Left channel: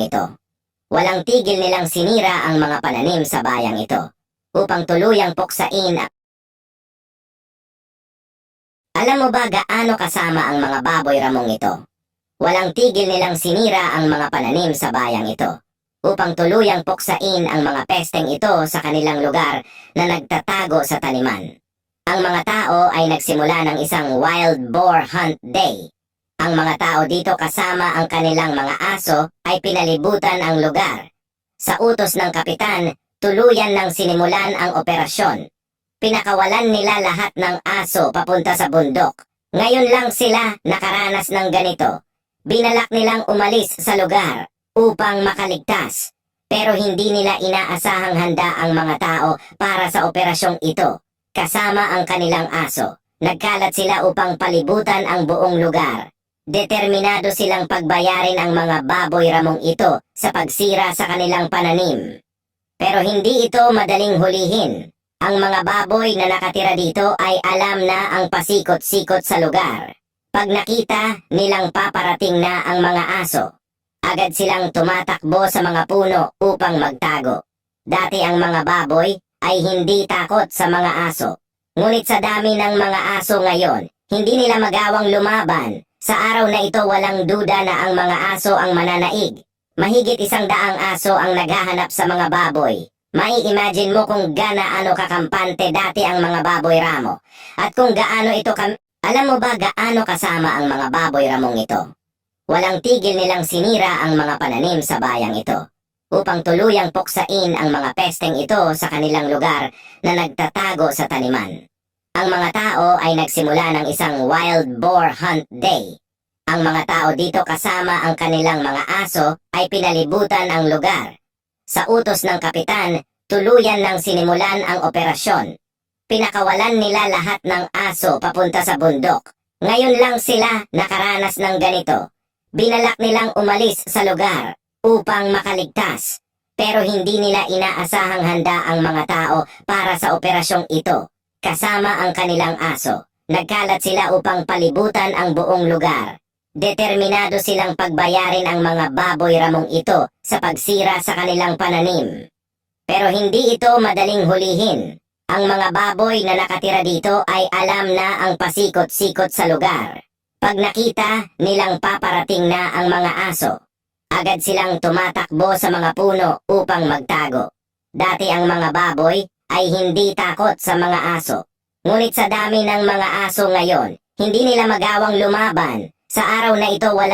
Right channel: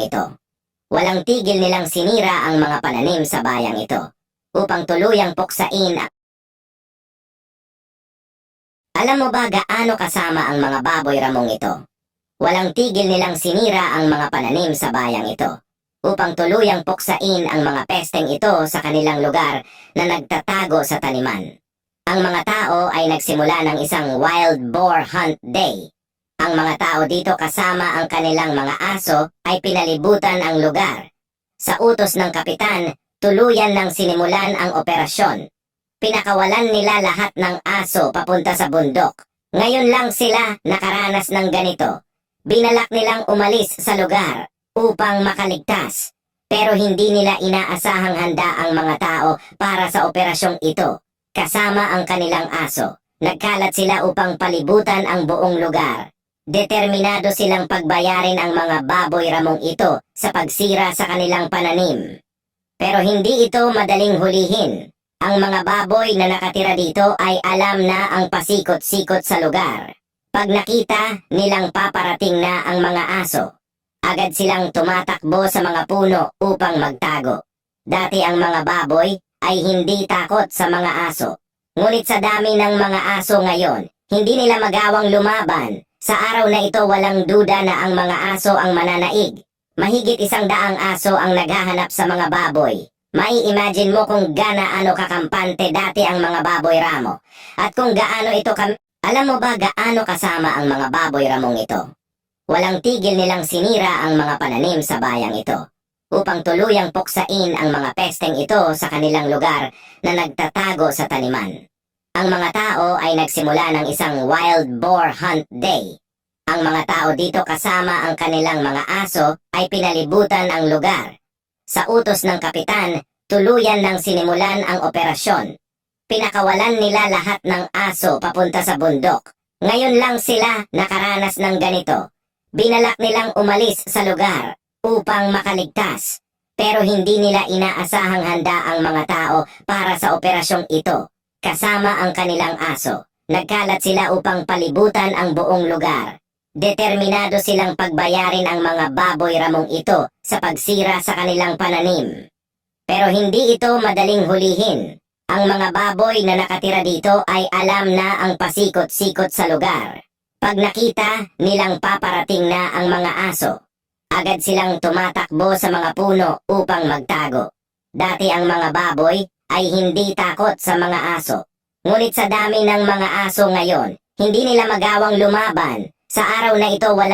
ito. Walang tigil nilang sinira ang mga pananim sa bayang ito upang tuluyang puksain. Alam mo ba gaano kasama ang mga baboy ramong ito? Walang tigil nilang sinira ang mga pananim sa bayang ito upang tuluyang puksain ang mga pesteng ito sa kanilang lugar na nagtatago sa taniman. Ang mga tao ay nagsimula ng isang wild boar hunt day. Ang mga tao dito kasama ang kanilang mga aso ay pinalibutan ang lugar. Sa utos ng kapitan, tuluyan ng sinimulan ang operasyon. Pinakawalan nila lahat ng aso papunta sa bundok. Ngayon lang sila nakaranas ng ganito. Binalak nilang umalis sa lugar upang makaligtas. Pero hindi nila inaasahang handa ang mga tao para sa operasyong ito. Kasama ang kanilang aso. Nagkalat sila upang palibutan ang buong lugar. Determinado silang pagbayarin ang mga baboy ramong ito sa pagsira sa kanilang pananim. Pero hindi ito madaling hulihin. Ang mga baboy na nakatira dito ay alam na ang pasikot-sikot sa lugar. Pag nakita, nilang paparating na ang mga aso. Agad silang tumatakbo sa mga puno upang magtago. Dati ang mga baboy ay hindi takot sa mga aso. Ngunit sa dami ng mga aso ngayon, hindi nila magawang lumaban. Sa araw na ito walang duda na ang mga aso ang mananaig. Mahigit 100 aso ang naghahanap sa mga baboy. Mai-imagine mo kung gaano kakampante dati ang mga baboy ramo. At kung gaano ito Alam mo ba gaano kasama ang mga baboy ramong ito? Walang tigil nilang sinira ang mga pananim sa bayang ito upang tuluyang puksain ang mga pesteng ito sa kanilang lugar na nagtatago sa taniman. Ang mga tao ay nagsimula ng isang wild boar hunt day. Ang mga tao dito kasama ang kanilang mga aso ay pinalibutan ang lugar. Sa utos ng kapitan, tuluyan ng sinimulan ang operasyon. Pinakawalan nila lahat ng aso papunta sa bundok. Ngayon lang sila nakaranas ng ganito. Binalak nilang umalis sa lugar upang makaligtas. Pero hindi nila inaasahang handa ang mga tao para sa operasyong ito. Kasama ang kanilang aso. Nagkalat sila upang palibutan ang buong lugar. Determinado silang pagbayarin ang mga baboy ramong ito sa pagsira sa kanilang pananim. Pero hindi ito madaling hulihin. Ang mga baboy na nakatira dito ay alam na ang pasikot-sikot sa lugar. Pag nakita, nilang paparating na ang mga aso. Agad silang tumatakbo sa mga puno upang magtago. Dati ang mga baboy ay hindi takot sa mga aso. Ngunit sa dami ng mga aso ngayon, hindi nila magawang lumaban. Sa araw na ito wala